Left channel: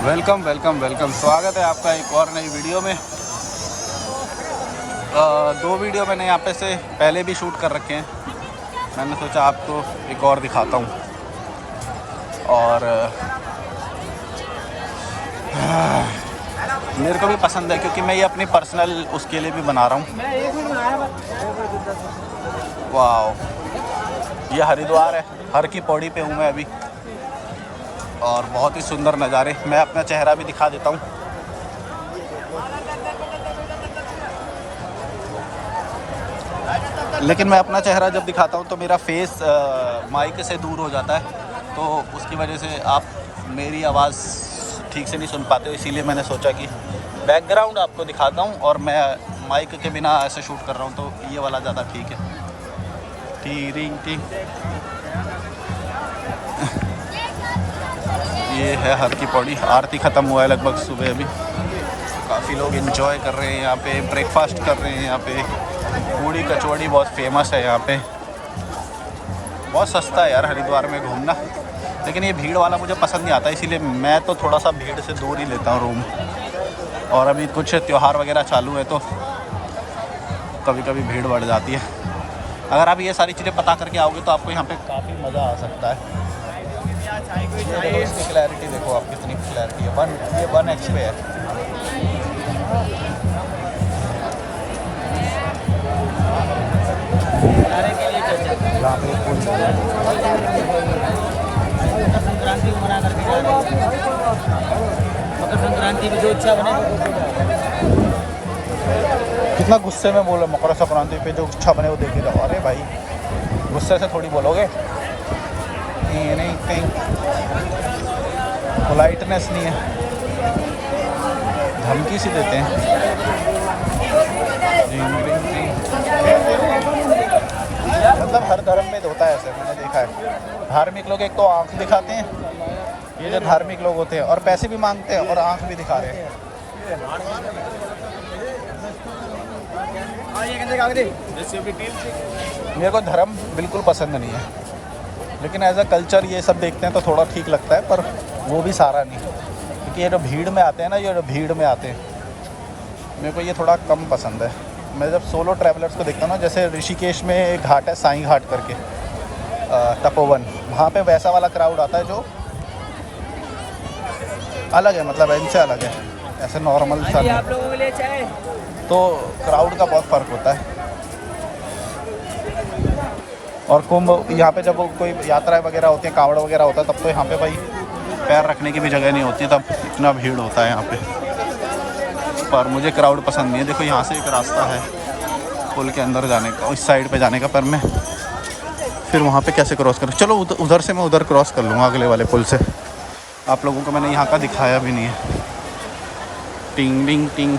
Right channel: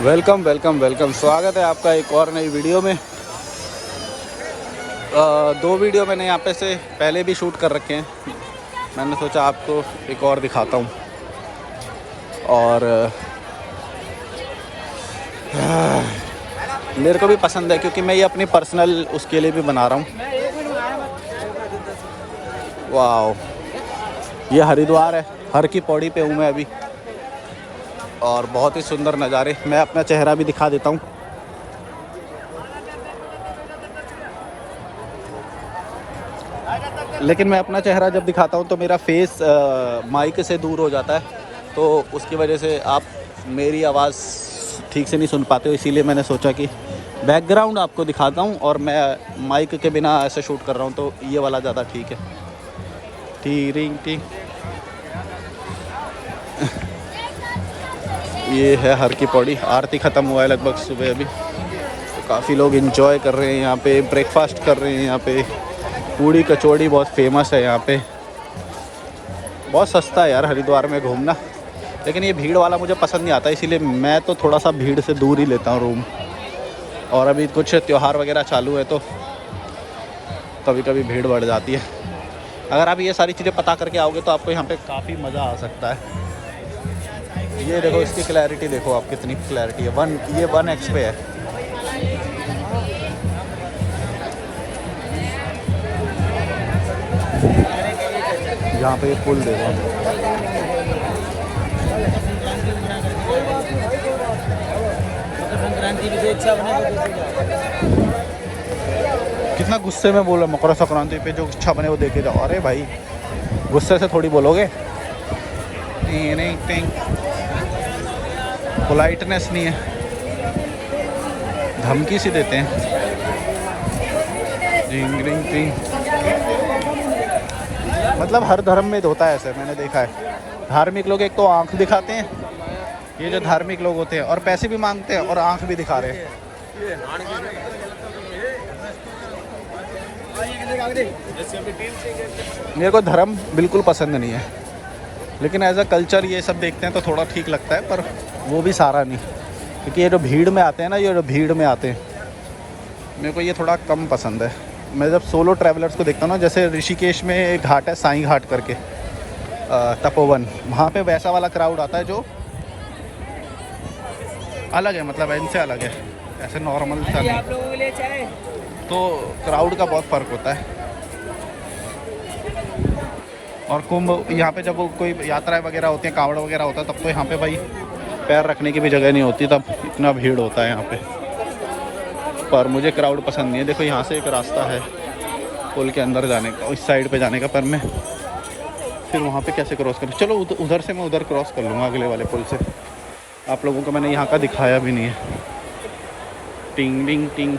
Welcome welcome welcome, स्वागत है आपका एक और नई वीडियो में। दो वीडियो मैंने यहाँ पे से पहले भी शूट कर रखे हैं। मैंने सोचा आपको एक और दिखाता हूँ। और मेरे को भी पसंद है क्योंकि मैं ये अपनी पर्सनल उसके लिए भी बना रहा हूँ। वाह, ये हरिद्वार है, हर की पौड़ी पे हूँ मैं अभी और बहुत ही सुंदर नज़ारे। मैं अपना चेहरा भी दिखा देता हूँ। लेकिन मैं अपना चेहरा जब दिखाता हूँ तो मेरा फेस माइक से दूर हो जाता है, तो उसकी वजह से आप मेरी आवाज़ ठीक से नहीं सुन पाते हो। इसीलिए मैंने सोचा कि बैकग्राउंड आपको दिखाता हूँ और मैं माइक के बिना ऐसे शूट कर रहा हूँ, तो ये वाला ज़्यादा ठीक है। टीरिंग टिंग ये है हर की पौड़ी। आरती ख़त्म हुआ है लगभग सुबह अभी, तो काफ़ी लोग एंजॉय कर रहे हैं यहाँ पे, ब्रेकफास्ट कर रहे हैं यहाँ पे। पूड़ी कचौड़ी बहुत फेमस है यहाँ पे। बहुत सस्ता है यार हरिद्वार में घूमना, लेकिन ये भीड़ वाला मुझे पसंद नहीं आता, इसीलिए मैं तो थोड़ा सा भीड़ से दूर ही लेता हूँ रूम। और अभी कुछ त्यौहार वगैरह चालू है तो कभी कभी भीड़ बढ़ जाती है। अगर आप ये सारी चीज़ें पता करके आओगे तो आपको यहाँ पे काफ़ी मज़ा आ सकता है। ये देखो, इसकी क्लैरिटी देखो आप, कितनी क्लैरिटी है। ये 1x पे है। यहाँ पे पुल दे रहा है। कितना गुस्से में बोला, मकर संक्रांति पे जो इच्छा बने वो दे के जाओ। अरे भाई, गुस्से से थोड़ी बोलोगे, नहीं, पोलाइटनेस नहीं है, धमकी सी देते हैं। मतलब हर धर्म में होता है ऐसे, मैंने देखा है। धार्मिक लोग एक तो आंख दिखाते हैं, ये जो धार्मिक लोग होते हैं, और पैसे भी मांगते हैं और आंख भी दिखा रहे हैं। मेरे को धर्म बिल्कुल पसंद नहीं है, लेकिन एज अ कल्चर ये सब देखते हैं तो थोड़ा ठीक लगता है, पर वो भी सारा नहीं। क्योंकि ये जो भीड़ में आते हैं ना, ये जो भीड़ में आते हैं, मेरे को ये थोड़ा कम पसंद है। मैं जब सोलो ट्रैवलर्स को देखता हूँ ना, जैसे ऋषिकेश में एक घाट है साईं घाट करके, तपोवन, वहाँ पे वैसा वाला क्राउड आता है जो अलग है, मतलब इनसे अलग है, ऐसे नॉर्मल सा नहीं। तो क्राउड का बहुत फ़र्क होता है। और कुंभ, यहाँ पे जब कोई यात्राएं वगैरह होती हैं, कांवड़ वगैरह होता है, तब तो यहाँ पे भाई पैर रखने की भी जगह नहीं होती, तब इतना भीड़ होता है यहाँ पे। पर मुझे क्राउड पसंद नहीं है। देखो यहाँ से एक रास्ता है पुल के अंदर जाने का, उस साइड पे जाने का, पर मैं फिर वहाँ पे कैसे क्रॉस करूँ। चलो उधर से मैं उधर क्रॉस कर लूँगा, अगले वाले पुल से। आप लोगों को मैंने यहाँ का दिखाया भी नहीं है। टिंग टिंग टिंग,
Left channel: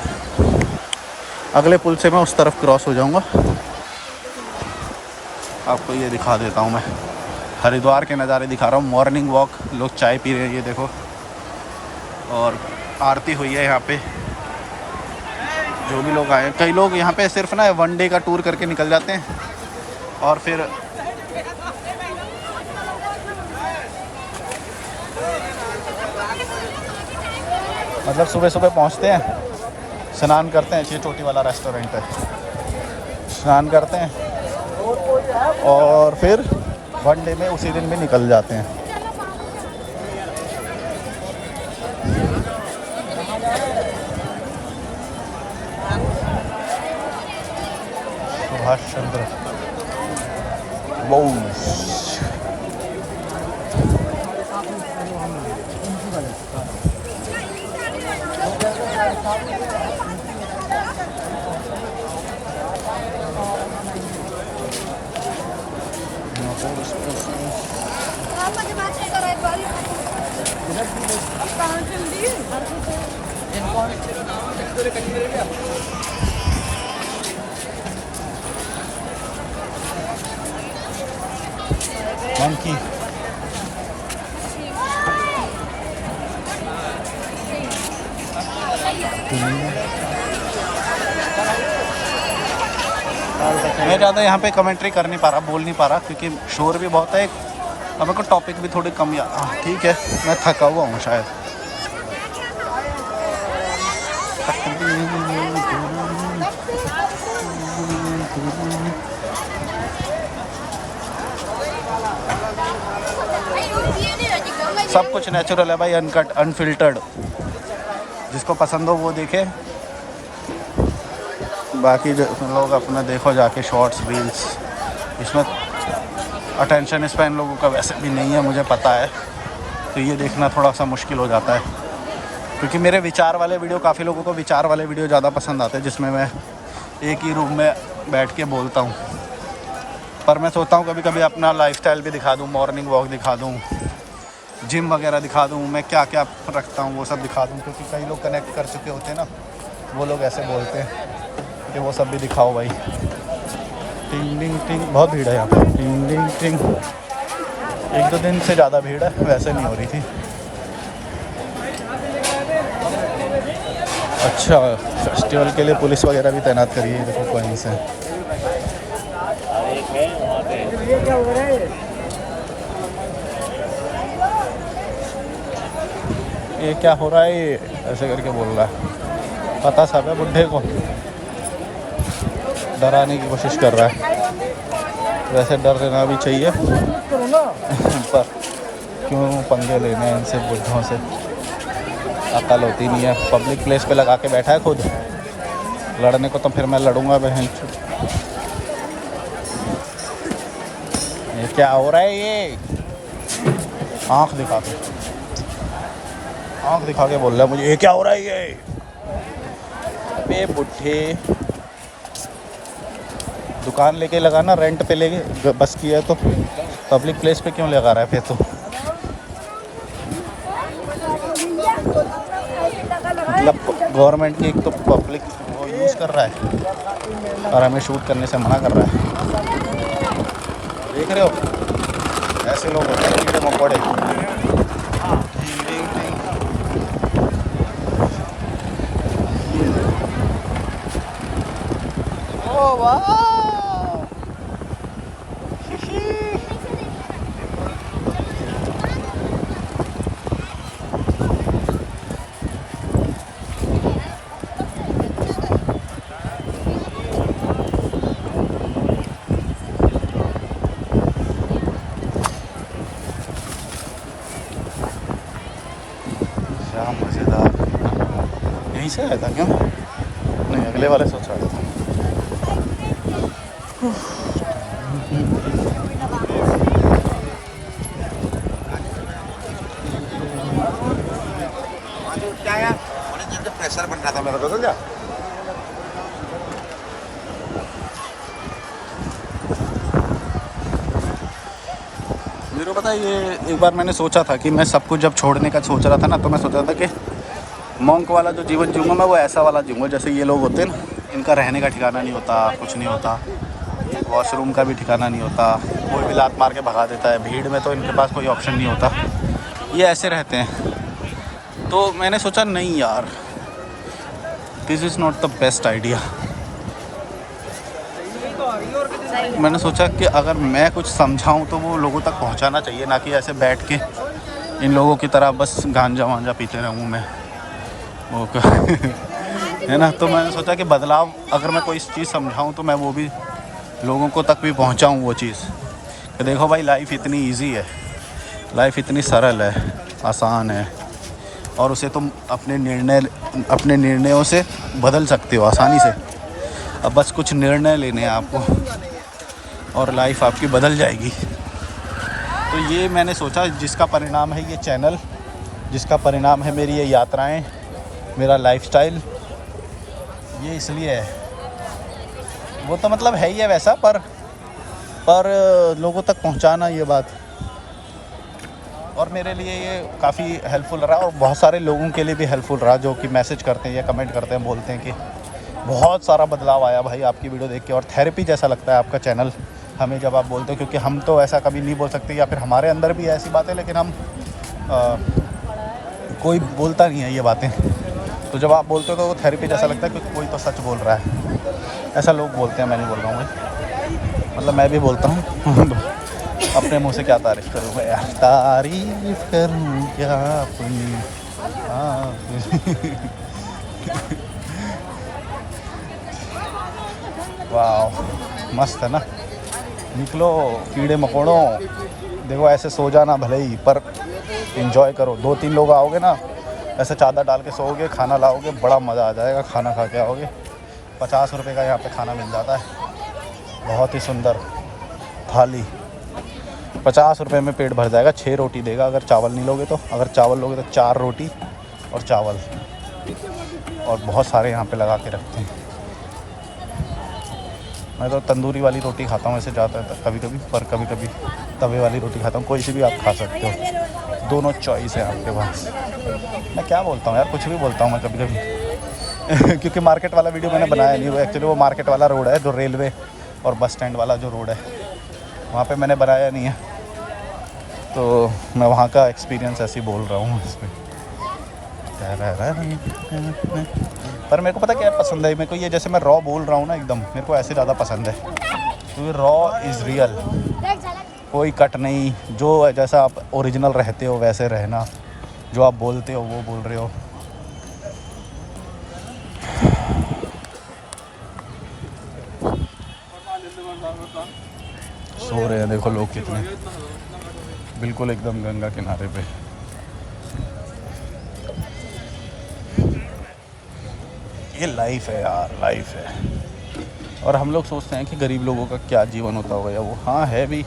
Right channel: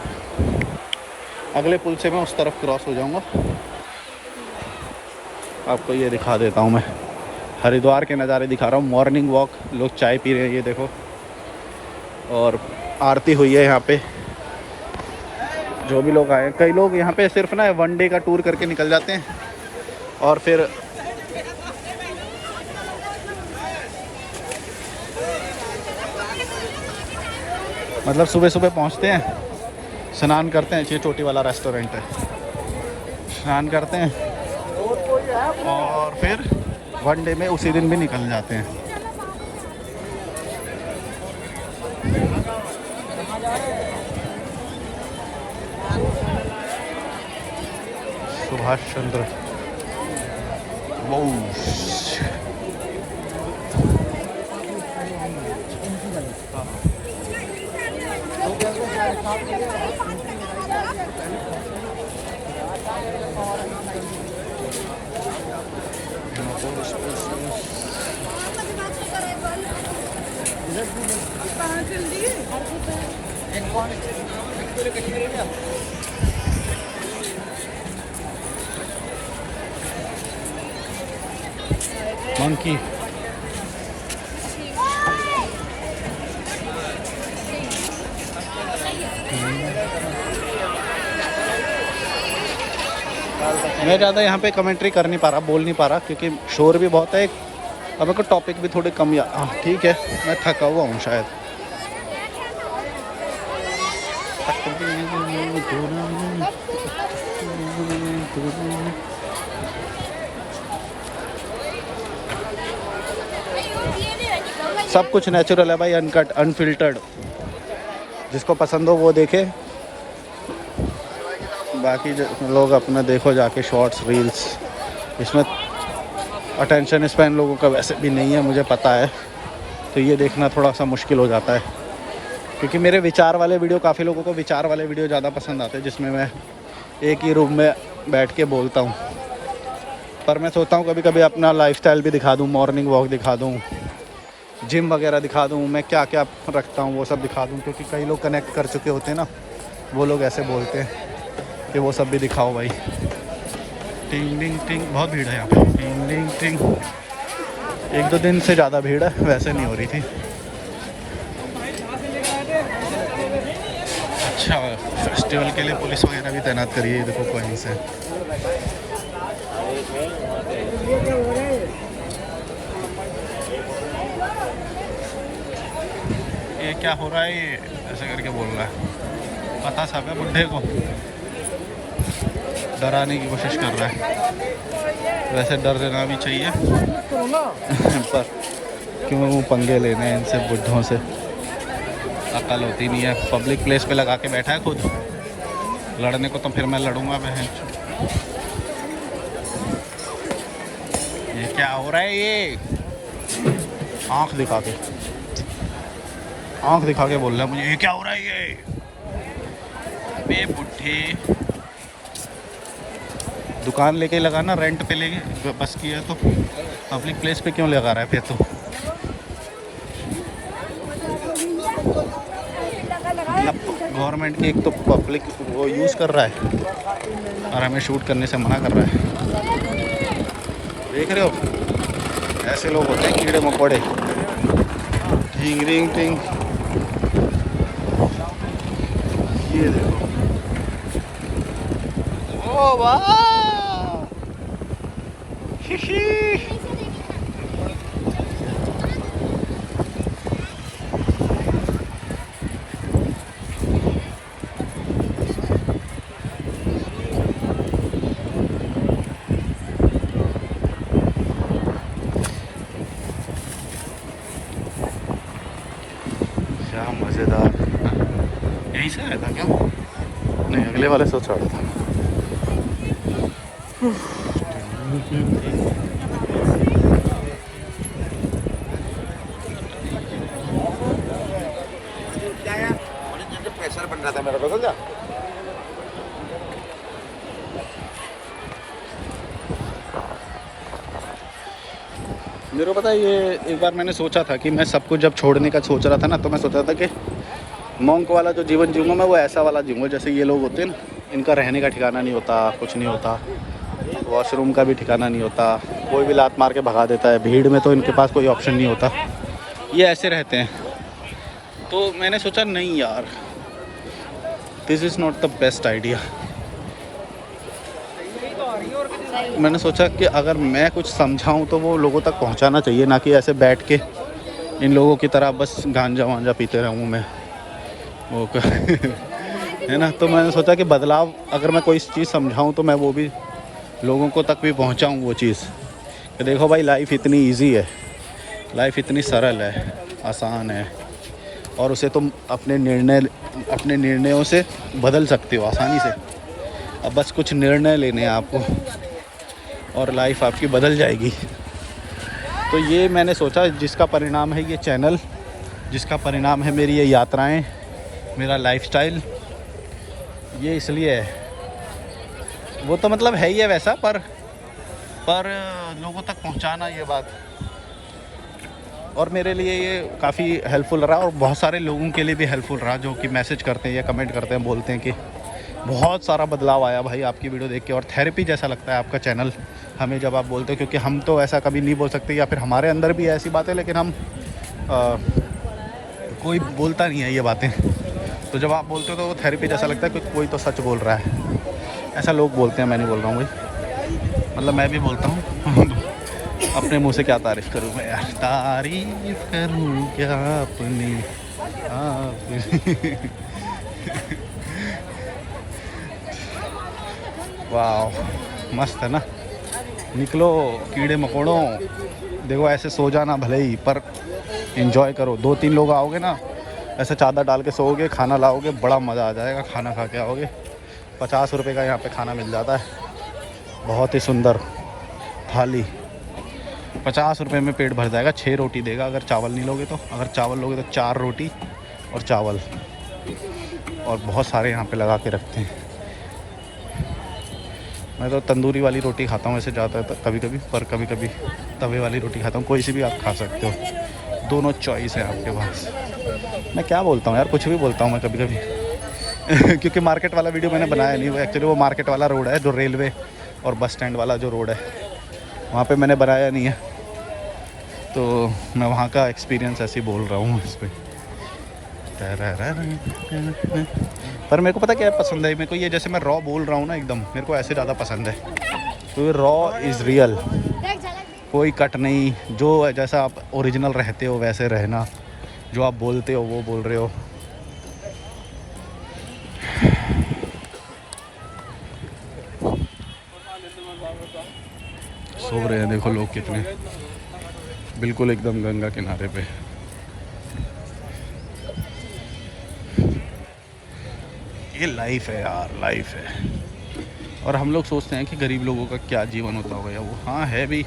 अगले पुल से मैं उस तरफ क्रॉस हो जाऊँगा। आपको ये दिखा देता हूँ, मैं हरिद्वार के नज़ारे दिखा रहा हूँ। मॉर्निंग वॉक, लोग चाय पी रहे हैं, ये देखो, और आरती हुई है यहाँ पे। जो भी लोग आए, कई लोग यहाँ पे सिर्फ ना 1 डे का टूर करके निकल जाते हैं, और फिर मतलब सुबह सुबह पहुँचते हैं, स्नान करते हैं, ये चोटी वाला रेस्टोरेंट है, स्नान करते हैं और फिर 1 डे में उसी दिन भी निकल जाते हैं। सुभाष चंद्र बोस। मंकी, मैं ज़्यादा यहाँ पे कमेंट्री कर नहीं पा रहा, बोल नहीं पा रहा, क्योंकि शोर भी बहुत है। अब मेरे को टॉपिक भी थोड़े कम ठीक है, मैं थका हुआ हूँ शायद। सब कुछ नेचुरल है भाई, अनकट अनफिल्टर्ड। जिसको पसंद हो वो देखे, बाकी लोग अपना देखो जाके शॉर्ट्स रील्स। इसमें अटेंशन स्पैन लोगों का वैसे भी नहीं है, मुझे पता है, तो ये देखना थोड़ा सा मुश्किल हो जाता है। क्योंकि मेरे विचार वाले वीडियो, काफ़ी लोगों को विचार वाले वीडियो ज़्यादा पसंद आते हैं, जिसमें मैं एक ही रूम में बैठ के बोलता हूँ। पर मैं सोचता हूँ कभी कभी अपना लाइफस्टाइल भी दिखा दूँ, मॉर्निंग वॉक दिखा दूँ, जिम वगैरह दिखा दूँ, मैं क्या क्या रखता हूँ वो सब दिखा दूँ। क्योंकि कई लोग कनेक्ट कर चुके होते हैं ना, वो लोग ऐसे बोलते हैं कि वो सब भी दिखाओ भाई। टिंग टिंग टिंग, बहुत भीड़ है यहाँ पर। टिंग टिंग टिंग, 1-2 दिन से ज़्यादा भीड़ है, वैसे नहीं हो रही थी। अच्छा, फेस्टिवल के लिए पुलिस वगैरह भी तैनात करी है, देखो कहीं से। ये क्या हो रहा है, ये ऐसे करके बोल रहा है। पता सब है, बुड्ढे को डराने की कोशिश कर रहा है। वैसे डर देना भी चाहिए पर क्यों पंगे लेने हैं इनसे, बुड्ढों से अकल होती नहीं है। पब्लिक प्लेस पे लगा के बैठा है खुद, लड़ने को तो फिर मैं लड़ूंगा बहन। ये क्या हो रहा है, ये आँख दिखा के बोल रहा है मुझे, ये क्या हो रहा है ये। अबे बुड्ढे, दुकान लेके लगाना, रेंट पे लेके बस किया है तो पब्लिक प्लेस पे क्यों लगा रहा है फिर तो। मतलब गवर्नमेंट की एक तो पब्लिक वो यूज़ कर रहा है और हमें शूट करने से मना कर रहा है। देख रहे हो, ऐसे लोग होते हैं कीड़े मकोड़े। टिंग टिंग टिंग, ये देखो, ओ वाह। क्या मज़ेदार। यहीं से आया था क्या? नहीं, अगले वाले से चढ़ा था। प्रेशर बन रहा था मेरे को, समझा? मेरे को पता है, ये एक बार मैंने सोचा था कि मैं सब कुछ जब छोड़ने का सोच रहा था ना, तो मैं सोचा था कि मॉन्क वाला जो जीवन जीऊँगा मैं, वो ऐसा वाला जीऊँगा जैसे ये लोग होते हैं ना, इनका रहने का ठिकाना नहीं होता, कुछ नहीं होता, वॉशरूम का भी ठिकाना नहीं होता, कोई भी लात मार के भगा देता है, भीड़ में तो इनके पास कोई ऑप्शन नहीं होता, ये ऐसे रहते हैं। तो मैंने सोचा नहीं यार, this is not the best idea. मैंने सोचा कि अगर मैं कुछ समझाऊं तो वो लोगों तक पहुंचाना चाहिए, ना कि ऐसे बैठ के इन लोगों की तरह बस गांजा वांजा पीते रहूं मैं वो है ना। तो मैंने सोचा कि बदलाव, अगर मैं कोई चीज़ समझाऊं तो मैं वो भी लोगों को तक भी पहुंचाऊं वो चीज़, कि देखो भाई लाइफ इतनी इजी है, लाइफ इतनी सरल है, आसान है, और उसे तुम अपने निर्णयों से बदल सकते हो आसानी से। अब बस कुछ निर्णय लेने हैं आपको और लाइफ आपकी बदल जाएगी। तो ये मैंने सोचा, जिसका परिणाम है ये चैनल, जिसका परिणाम है मेरी ये यात्राएं, मेरा लाइफस्टाइल, ये इसलिए है। वो तो मतलब है ही है वैसा, पर लोगों तक पहुंचाना ये बात, और मेरे लिए ये काफ़ी हेल्पफुल रहा, और बहुत सारे लोगों के लिए भी हेल्पफुल रहा, जो कि मैसेज करते हैं या कमेंट करते हैं, बोलते हैं कि बहुत सारा बदलाव आया भाई आपकी वीडियो देख के, और थेरेपी जैसा लगता है आपका चैनल हमें जब आप बोलते हो। क्योंकि हम तो ऐसा कभी नहीं बोल सकते, या फिर हमारे अंदर भी ऐसी बातें, लेकिन हम कोई बोलता नहीं है ये बातें, तो जब आप बोलते हो तो वो थेरेपी जैसा लगता है कि कोई तो सच बोल रहा है, ऐसा लोग बोलते हैं। मैं नहीं बोल रहा हूँ भाई, मतलब मैं भी बोलता हूँ अपने मुंह से क्या तारीफ़ करूँगा यार, तारीफ़ करूँ क्या अपनी आप वाह मस्त है ना। निकलो कीड़े मकोड़ों, देखो ऐसे सो जाना भले ही, पर एंजॉय करो। 2-3 लोग आओगे ना, ऐसे चादर डाल के सोओगे, खाना लाओगे, बड़ा मज़ा आ जाएगा। खाना खा के आओगे। 50 रुपये का यहाँ पे खाना मिल जाता है, बहुत ही सुंदर थाली। 50 रुपये में पेट भर जाएगा। 6 रोटी देगा अगर चावल नहीं लोगे तो। अगर चावल लोगे तो 4 रोटी और चावल, और बहुत सारे यहाँ पे लगा के रखते हैं। मैं तो तंदूरी वाली रोटी खाता हूँ ऐसे ज़्यादा कभी कभी, पर कभी कभी तवे वाली रोटी खाता हूँ। कोई सी भी आप खा सकते हो, दोनों चॉइस है आपके पास। मैं क्या बोलता हूँ यार, कुछ भी बोलता हूँ मैं कभी कभी क्योंकि मार्केट वाला वीडियो मैंने बनाया नहीं। वो एक्चुअली वो मार्केट वाला रोड है जो रेलवे और बस स्टैंड वाला जो रोड है, वहाँ पे मैंने बनाया नहीं है, तो मैं वहाँ का एक्सपीरियंस ऐसे ही बोल रहा हूँ इस पर। पर मेरे को पता क्या पसंद है, मेरे को ये जैसे मैं रॉ बोल रहा हूँ ना एकदम, मेरे को ऐसे ज़्यादा पसंद है। तो ये रॉ इज़ रियल, कोई कट नहीं, जो जैसा आप ओरिजिनल रहते हो वैसे रहना, जो आप बोलते हो वो बोल रहे हो। सो रहे हैं देखो लोग कितने, बिल्कुल एकदम गंगा किनारे पे। ये लाइफ है यार, लाइफ है। और हम लोग सोचते हैं कि गरीब लोगों का क्या जीवन होता होगा, या वो हाँ है भी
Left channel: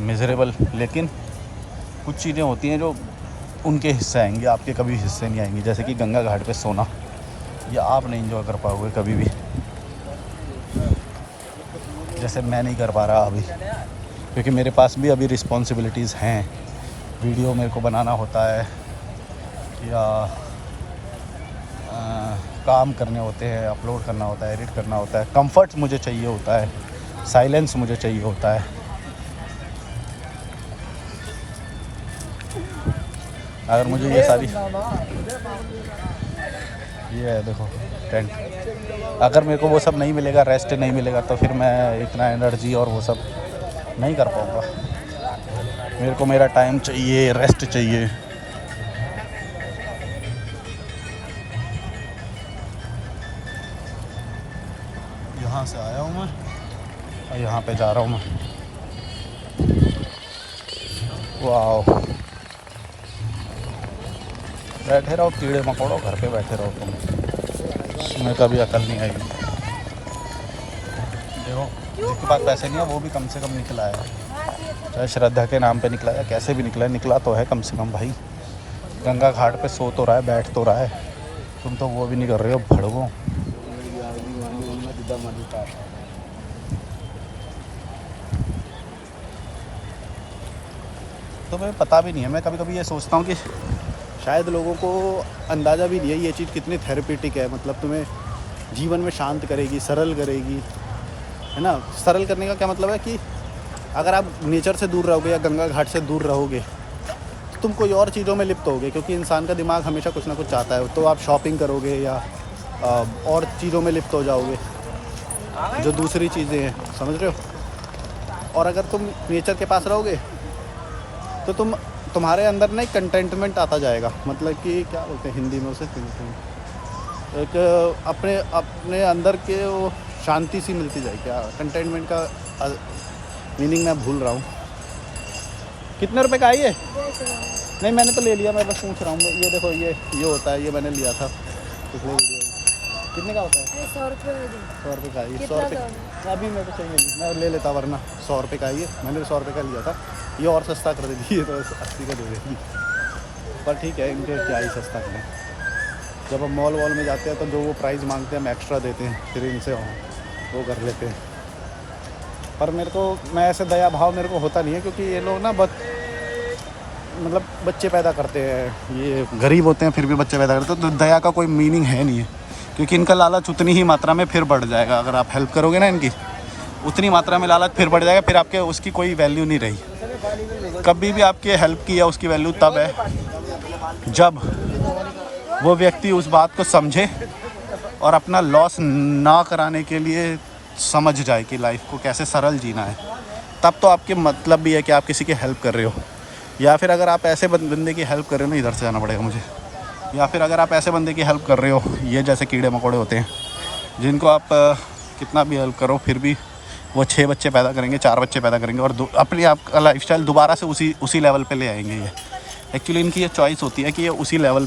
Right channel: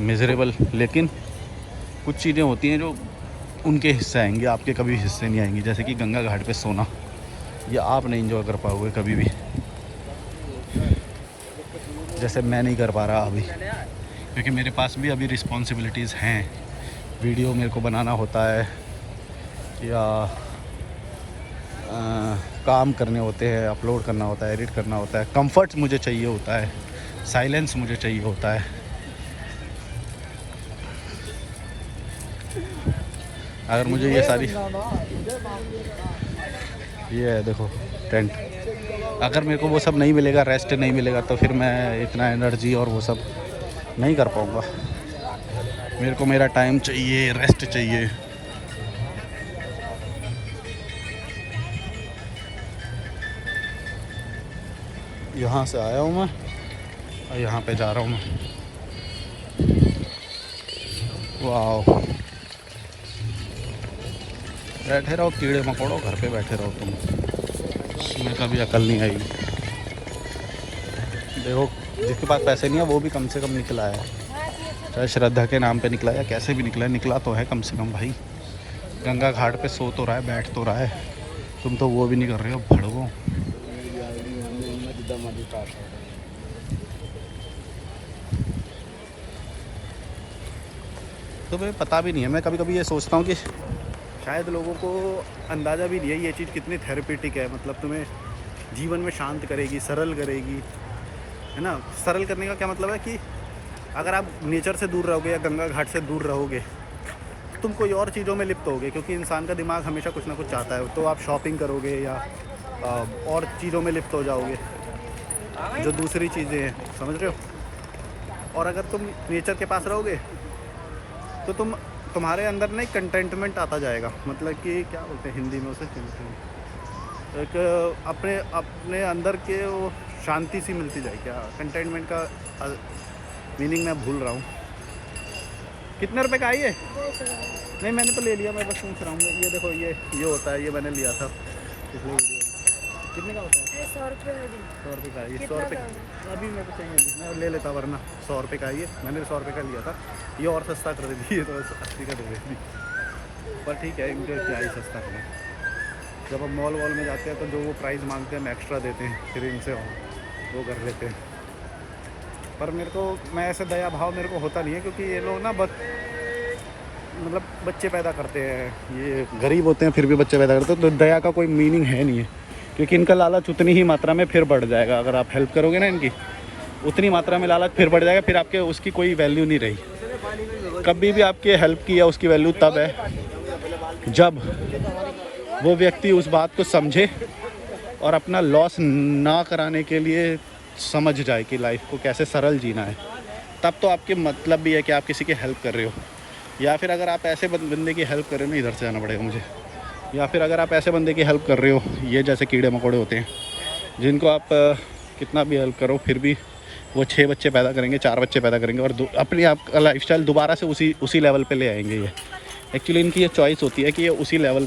मिजरेबल, लेकिन कुछ चीज़ें होती हैं जो उनके हिस्से आएंगी, आपके कभी हिस्से नहीं आएंगी। जैसे कि गंगा घाट पे सोना, ये आप नहीं इंजॉय कर पाओगे कभी भी, जैसे मैं नहीं कर पा रहा अभी, क्योंकि मेरे पास भी अभी रिस्पॉन्सिबिलिटीज़ हैं। वीडियो मेरे को बनाना होता है, या काम करने होते हैं, अपलोड करना होता है, एडिट करना होता है। कंफर्ट मुझे चाहिए होता है, साइलेंस मुझे चाहिए होता है। अगर मुझे ये सारी, ये है देखो टेंट, अगर मेरे को वो सब नहीं मिलेगा, रेस्ट नहीं मिलेगा, तो फिर मैं इतना एनर्जी और वो सब नहीं कर पाऊँगा। मेरे को मेरा टाइम चाहिए, रेस्ट चाहिए। यहाँ से आया हूँ मैं और यहाँ पे जा रहा हूँ मैं। वाह, बैठे रहो कीड़े मकोड़ो, घर पे बैठे रहो तुम, तुम्हें कभी अकल नहीं आई। देखो जिसके पास पैसे नहीं है वो भी कम से कम निकला है, चाहे श्रद्धा के नाम पे निकला या कैसे भी निकला है, निकला तो है कम से कम भाई। गंगा घाट पे सो तो रहा है, बैठ तो रहा है, तुम तो वो भी नहीं कर रहे हो, भड़को। तो मुझे पता भी नहीं है, मैं कभी कभी ये सोचता हूँ कि शायद लोगों को अंदाज़ा भी नहीं है ये चीज़ कितनी थेरेपेटिक है। मतलब तुम्हें जीवन में शांत करेगी, सरल करेगी, है ना। सरल करने का क्या मतलब है कि अगर आप नेचर से दूर रहोगे या गंगा घाट से दूर रहोगे तो तुम कोई और चीज़ों में लिप्त होगे, क्योंकि इंसान का दिमाग हमेशा कुछ ना कुछ चाहता है। तो आप शॉपिंग करोगे या और चीज़ों में लिप्त हो जाओगे जो दूसरी चीज़ें हैं, समझ रहे हो। और अगर तुम नेचर के पास रहोगे तो तुम्हारे अंदर ना एक कंटेंटमेंट आता जाएगा। मतलब कि क्या बोलते हैं हिंदी में उसे, एक अपने अंदर के वो शांति सी मिलती जाएगी। क्या कंटेंटमेंट का मीनिंग मैं भूल रहा हूँ। कितने रुपए का है ये? नहीं मैंने तो ले लिया, मैं बस पूछ रहा हूँ। ये देखो ये होता है, ये मैंने लिया था पिछले वीडियो में। कितने का होता है? 100 रुपये। 100 रुपये का। ये 100 रुपये अभी मेरे को चाहिए नहीं, मैं ले लेता, वरना 100 रुपये का ये मैंने 100 रुपये का लिया था। ये और सस्ता कर देती है तो 80 का दे देती, पर ठीक है, इनको क्या ही सस्ता करें। जब हम मॉल वॉल में जाते हैं तो जो वो प्राइस मांगते हैं हम एक्स्ट्रा देते हैं, फिर इनसे वो कर लेते हैं। पर मेरे को, मैं ऐसे दया भाव मेरे को होता नहीं है, क्योंकि ये लोग ना मतलब बच्चे पैदा करते हैं, ये गरीब होते हैं फिर भी बच्चे पैदा करते हैं, तो दया का कोई मीनिंग है नहीं है। क्योंकि इनका लालच उतनी ही मात्रा में फिर बढ़ जाएगा, अगर आप हेल्प करोगे ना इनकी, उतनी मात्रा में लालच फिर बढ़ जाएगा, फिर आपके उसकी कोई वैल्यू नहीं रही। कभी भी आपके हेल्प की या उसकी वैल्यू तब है जब वो व्यक्ति उस बात को समझे और अपना लॉस ना कराने के लिए समझ जाए कि लाइफ को कैसे सरल जीना है। तब तो आपके मतलब भी है कि आप किसी की हेल्प कर रहे हो। या फिर अगर आप ऐसे बंदे की हेल्प कर रहे हो ना, इधर से जाना पड़ेगा मुझे, या फिर अगर आप ऐसे बंदे की हेल्प कर रहे हो, ये जैसे कीड़े मकोड़े होते हैं जिनको आप कितना भी हेल्प करो फिर भी वो 6 बच्चे पैदा करेंगे, 4 बच्चे पैदा करेंगे और अपने आप का लाइफस्टाइल दोबारा से उसी लेवल पे ले आएंगे। ये एक्चुअली इनकी ये चॉइस होती है कि ये उसी लेवल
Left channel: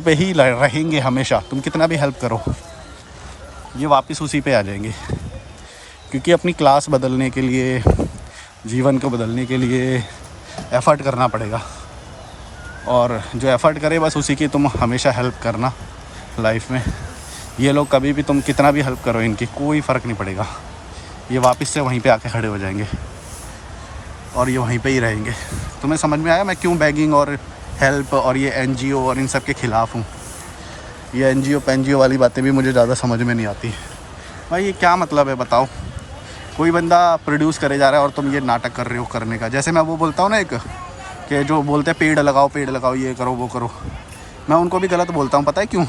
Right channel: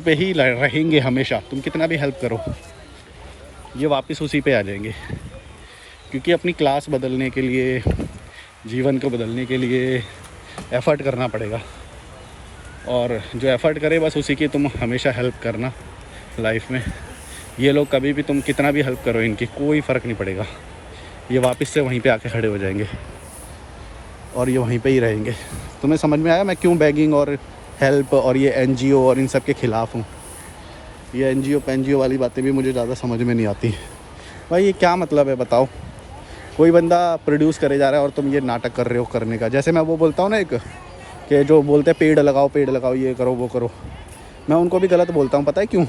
पे ही रहेंगे हमेशा। तुम कितना भी हेल्प करो ये वापस उसी पे आ जाएंगे, क्योंकि अपनी क्लास बदलने के लिए, जीवन को बदलने के लिए एफ़र्ट करना पड़ेगा। और जो एफ़र्ट करे बस उसी की तुम हमेशा हेल्प करना लाइफ में। ये लोग कभी भी तुम कितना भी हेल्प करो इनकी कोई फ़र्क नहीं पड़ेगा, ये वापस से वहीं पे आके खड़े हो जाएंगे और ये वहीं पे ही रहेंगे। तुम्हें समझ में आया मैं क्यों बैगिंग और हेल्प और ये NGO और इन सब के ख़िलाफ़ हूँ? ये NGO वाली बातें भी मुझे ज़्यादा समझ में नहीं आती। भाई ये क्या मतलब है बताओ? कोई बंदा प्रोड्यूस करे जा रहा है और तुम ये नाटक कर रहे हो करने का। जैसे मैं वो बोलता हूँ ना एक कि जो बोलते हैं पेड़ लगाओ, ये करो वो करो, मैं उनको भी गलत बोलता हूँ। पता है क्यों?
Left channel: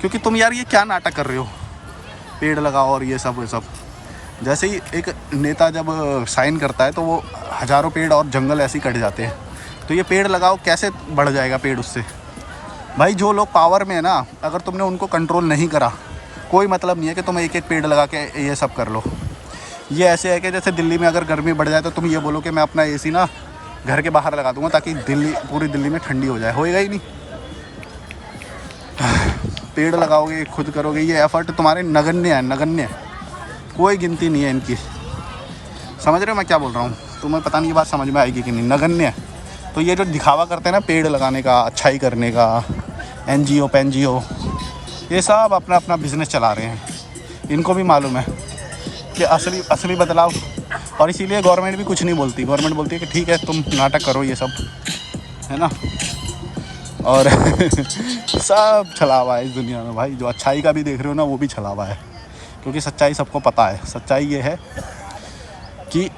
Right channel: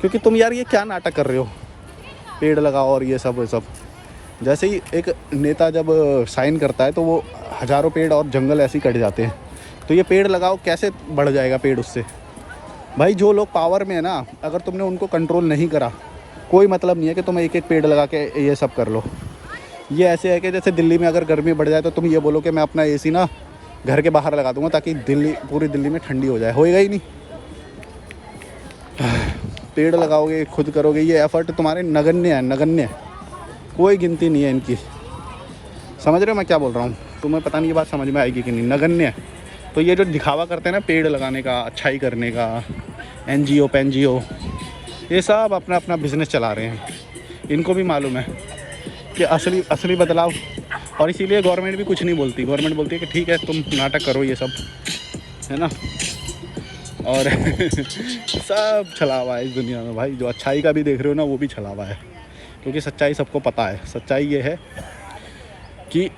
क्योंकि तुम यार ये क्या नाटक कर रहे हो, पेड़ लगाओ और ये सब। जैसे ही एक नेता जब साइन करता है तो वो हज़ारों पेड़ और जंगल ऐसे ही कट जाते हैं। तो ये पेड़ लगाओ, कैसे बढ़ जाएगा पेड़ उससे? भाई जो लोग पावर में है ना, अगर तुमने उनको कंट्रोल नहीं करा, कोई मतलब नहीं है कि तुम एक पेड़ लगा के ये सब कर लो। ये ऐसे है कि जैसे दिल्ली में अगर गर्मी बढ़ जाए तो तुम ये बोलो कि मैं अपना AC ना घर के बाहर लगा दूंगा ताकि पूरी दिल्ली में ठंडी हो जाए। होएगा ही नहीं। पेड़ लगाओगे, खुद करोगे, ये एफ़र्ट तुम्हारे नगण्य, कोई गिनती नहीं है इनकी। समझ रहे हो मैं क्या बोल रहा हूँ? तुम्हें पता नहीं ये बात समझ में आएगी कि नहीं। नगण्य। तो ये जो दिखावा करते हैं ना पेड़ लगाने का, अच्छाई करने का, NGO ये सब अपना अपना बिज़नेस चला रहे हैं। इनको भी मालूम है कि असली बदलाव, और इसीलिए गवर्नमेंट भी कुछ नहीं बोलती। गवर्नमेंट बोलती है कि ठीक है तुम नाटक करो ये सब, है ना। और सब छलावा है इस दुनिया में भाई। जो अच्छाई का भी देख रहे हो ना वो भी छलावा है, क्योंकि सच्चाई सबको पता है। सच्चाई ये है कि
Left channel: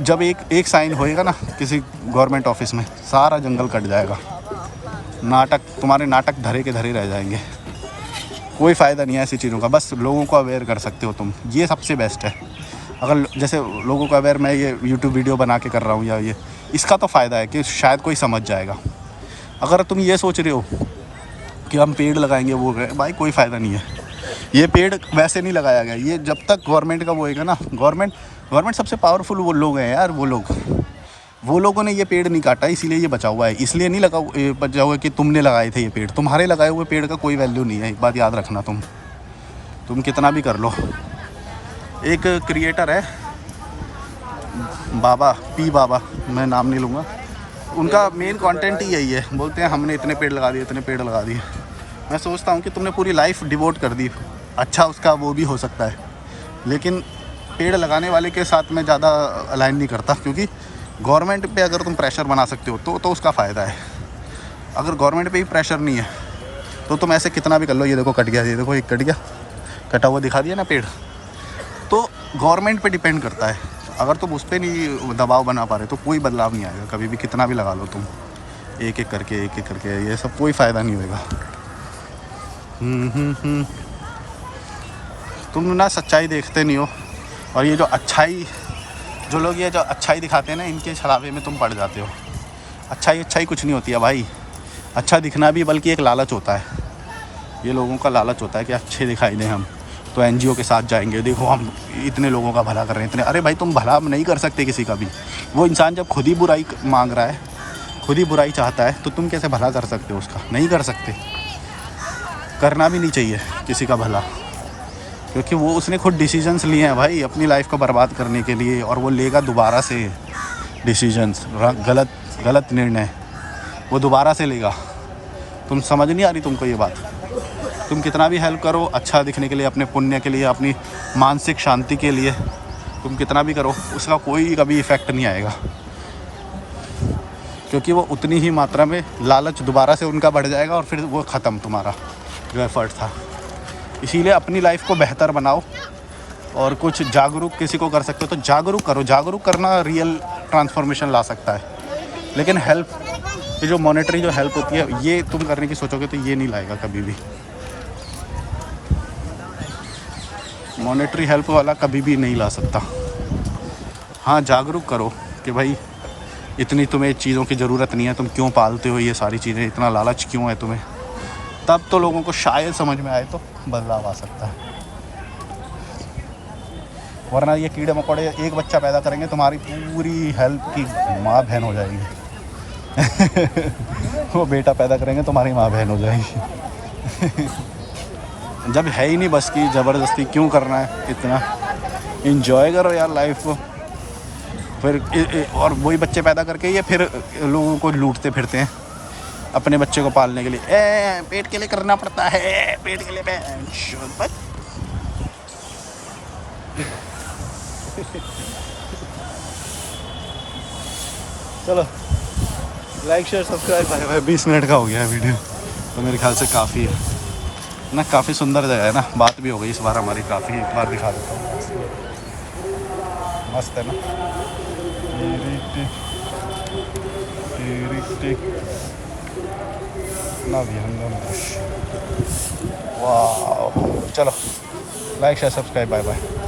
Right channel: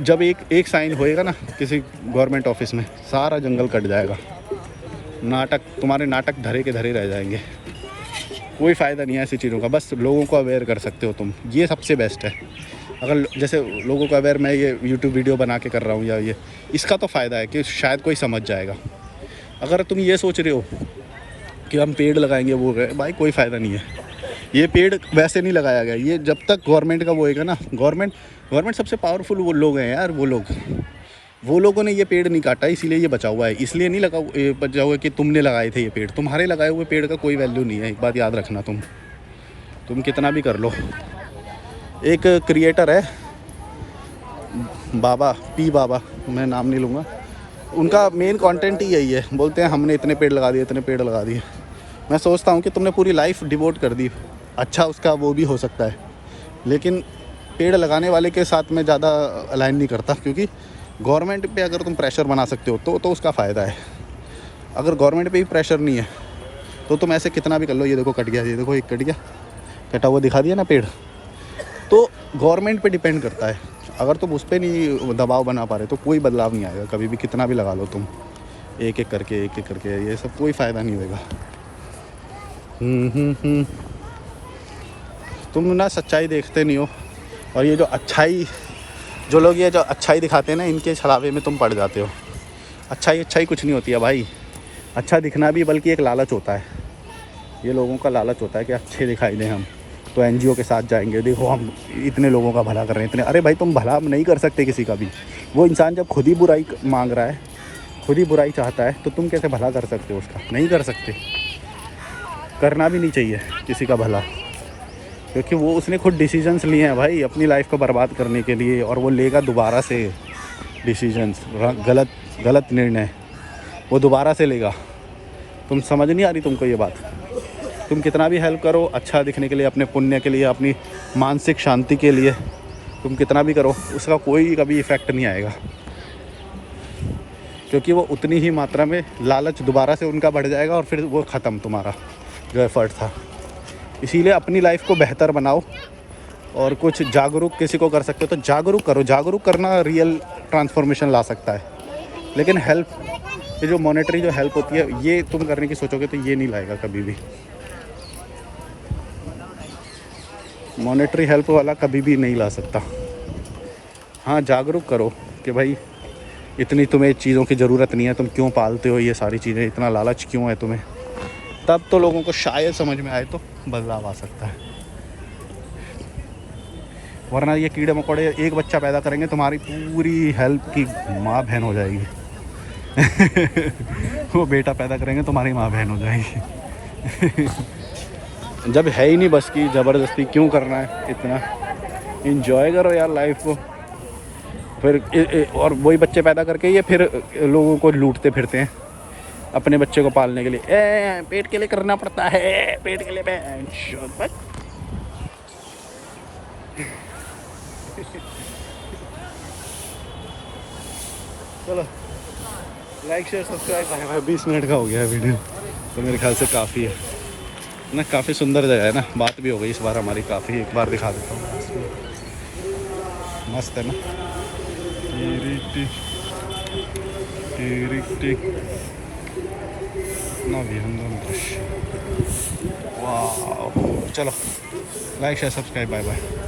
जब एक साइन होएगा ना किसी गवर्नमेंट ऑफिस में, सारा जंगल कट जाएगा। तुम्हारे नाटक धरे के धरे रह जाएंगे। कोई फ़ायदा नहीं है ऐसी चीज़ों का। बस लोगों को अवेयर कर सकते हो तुम, ये सबसे बेस्ट है। अगर जैसे लोगों को अवेयर मैं ये YouTube वीडियो बना के कर रहा हूँ या ये, इसका तो फ़ायदा है कि शायद कोई समझ जाएगा। अगर तुम ये सोच रहे हो कि हम पेड़ लगाएंगे वो गए, भाई कोई फ़ायदा नहीं है। ये पेड़ वैसे नहीं लगाया गया। ये जब तक गवर्नमेंट का वो होएगा ना, गवर्नमेंट सबसे पावरफुल वो लोग हैं यार। वो लोगों ने ये पेड़ नहीं काटा, इसीलिए ये बचा हुआ है। इसलिए नहीं बचा हुआ कि तुमने लगाए थे ये पेड़। तुम्हारे लगाए हुए पेड़ का कोई वैल्यू नहीं है, एक बात याद रखना। तुम कितना भी कर लो। एक क्रिएटर है बाबा, मैं नाम नहीं लूँगा, उनका मेन कंटेंट ही यही है। बोलते हैं हमने इतने पेड़ लगा दिए। मैं सोचता हूँ कि तुमने पूरी लाइफ डिवोट कर दी। अच्छा उसका वो भी हो सकता है, लेकिन पेड़ लगाने वाले के साथ मैं ज़्यादा अलाइन नहीं करता, क्योंकि गवर्नमेंट पे अगर तुम प्रेशर बना सकते हो तो उसका फ़ायदा है। अगर गवर्नमेंट पे ही प्रेशर नहीं है तो तुम ऐसे कितना भी कर लो। ये देखो कट गया, ये देखो एक कट गया, कटा हुआ दिखा दिया ना पेड़। तो गवर्नमेंट पे डिपेंड करता है। अगर तुम उस पर नहीं दबाव बना पा रहे तो कोई बदलाव नहीं आएगा कभी भी, कितना भी लगा लो तुम एक एक करके। ये सब कोई फ़ायदा नहीं होएगा। तुम ना सच्चाई देखते नहीं हो, और ये जो लोग ये जो अच्छाई दिखाते हैं ना, इनके छलावे में तुम पड़ जाते हो। अच्छाई कुछ नहीं होती है भाई। अच्छा दिखना भी बल्कि एक लालच होता है। ये लोगों का लालच होता है कि अच्छे दिखाई दें हम, तो NGO के साथ जाएंगे, देखो हम इतने लोगों का भला कर रहे हैं इतने। अरे भाई तुम भला नहीं कर सकते किसी का भी। वो इंसान जब खुद ही बुराई मांग रहा है, खुद ही बुराई चाहता है, तो तुम कैसे भला कर सकते हो उसका? नहीं कर सकते। करना भी नहीं चाहिए किसी का भला, क्योंकि वो उसने खुद डिसीजंस लिए हैं भाई अपनी लाइफ को बर्बाद करने के लिए, और वो लेगा दोबारा से डिसीजंस। गलत निर्णय वो दोबारा से लेगा। तुम समझ नहीं आ रही तुमको ये बात? तुम कितना भी हेल्प करो अच्छा दिखने के लिए, अपने पुण्य के लिए, अपनी मानसिक शांति के लिए, तुम कितना भी करो, उसका कोई कभी इफ़ेक्ट नहीं आएगा, क्योंकि वो उतनी ही मात्रा में लालच दोबारा से उनका बढ़ जाएगा और फिर वो ख़त्म तुम्हारा जो एफ़र्ट था। इसीलिए अपनी लाइफ को बेहतर बनाओ, और कुछ जागरूक किसी को कर सकते हो तो जागरूक करो। जागरूक करना रियल ट्रांसफॉर्मेशन ला सकता है। लेकिन हेल्प, ये जो मॉनेटरी जो हेल्प होती है, ये तुम करने की सोचोगे तो ये नहीं लाएगा कभी भी। मॉनेटरी हेल्प वाला कभी भी नहीं ला सकता। हाँ, जागरूक करो कि भाई इतनी तुम्हें चीज़ों की ज़रूरत नहीं है, तुम क्यों पालते हो ये सारी चीज़ें, इतना लालच क्यों है तुम्हें। तब तो लोगों को शायद समझ में आए तो बदलाव आ सकता है। वरना ये कीड़े मकोड़े एक बच्चा पैदा करेंगे, तुम्हारी पूरी हेल्प की माँ बहन हो जाएगी। वो बेटा पैदा करेंगे, तुम्हारी माँ बहन हो जाएगी। जब है ही नहीं बस की, ज़बरदस्ती क्यों करना है इतना? इंजॉय करो यार लाइफ को। फिर और वही बच्चे पैदा करके ये फिर लोगों को लूटते फिरते हैं अपने बच्चे को पालने के लिए। पेट के लिए करना पड़ता है, पेट के लिए बस। चलो लाइक शेयर सब्सक्राइब। 20 मिनट का हो गया है वीडियो, तो मेरे ख्याल से काफ़ी है ना। काफ़ी सुंदर जगह है ना, बात भी हो गई इस बार हमारी काफ़ी। एक बार दिखा देता हूँ, मस्त है ना। ना भी हम वाह। चलो like share subscribe, bye bye.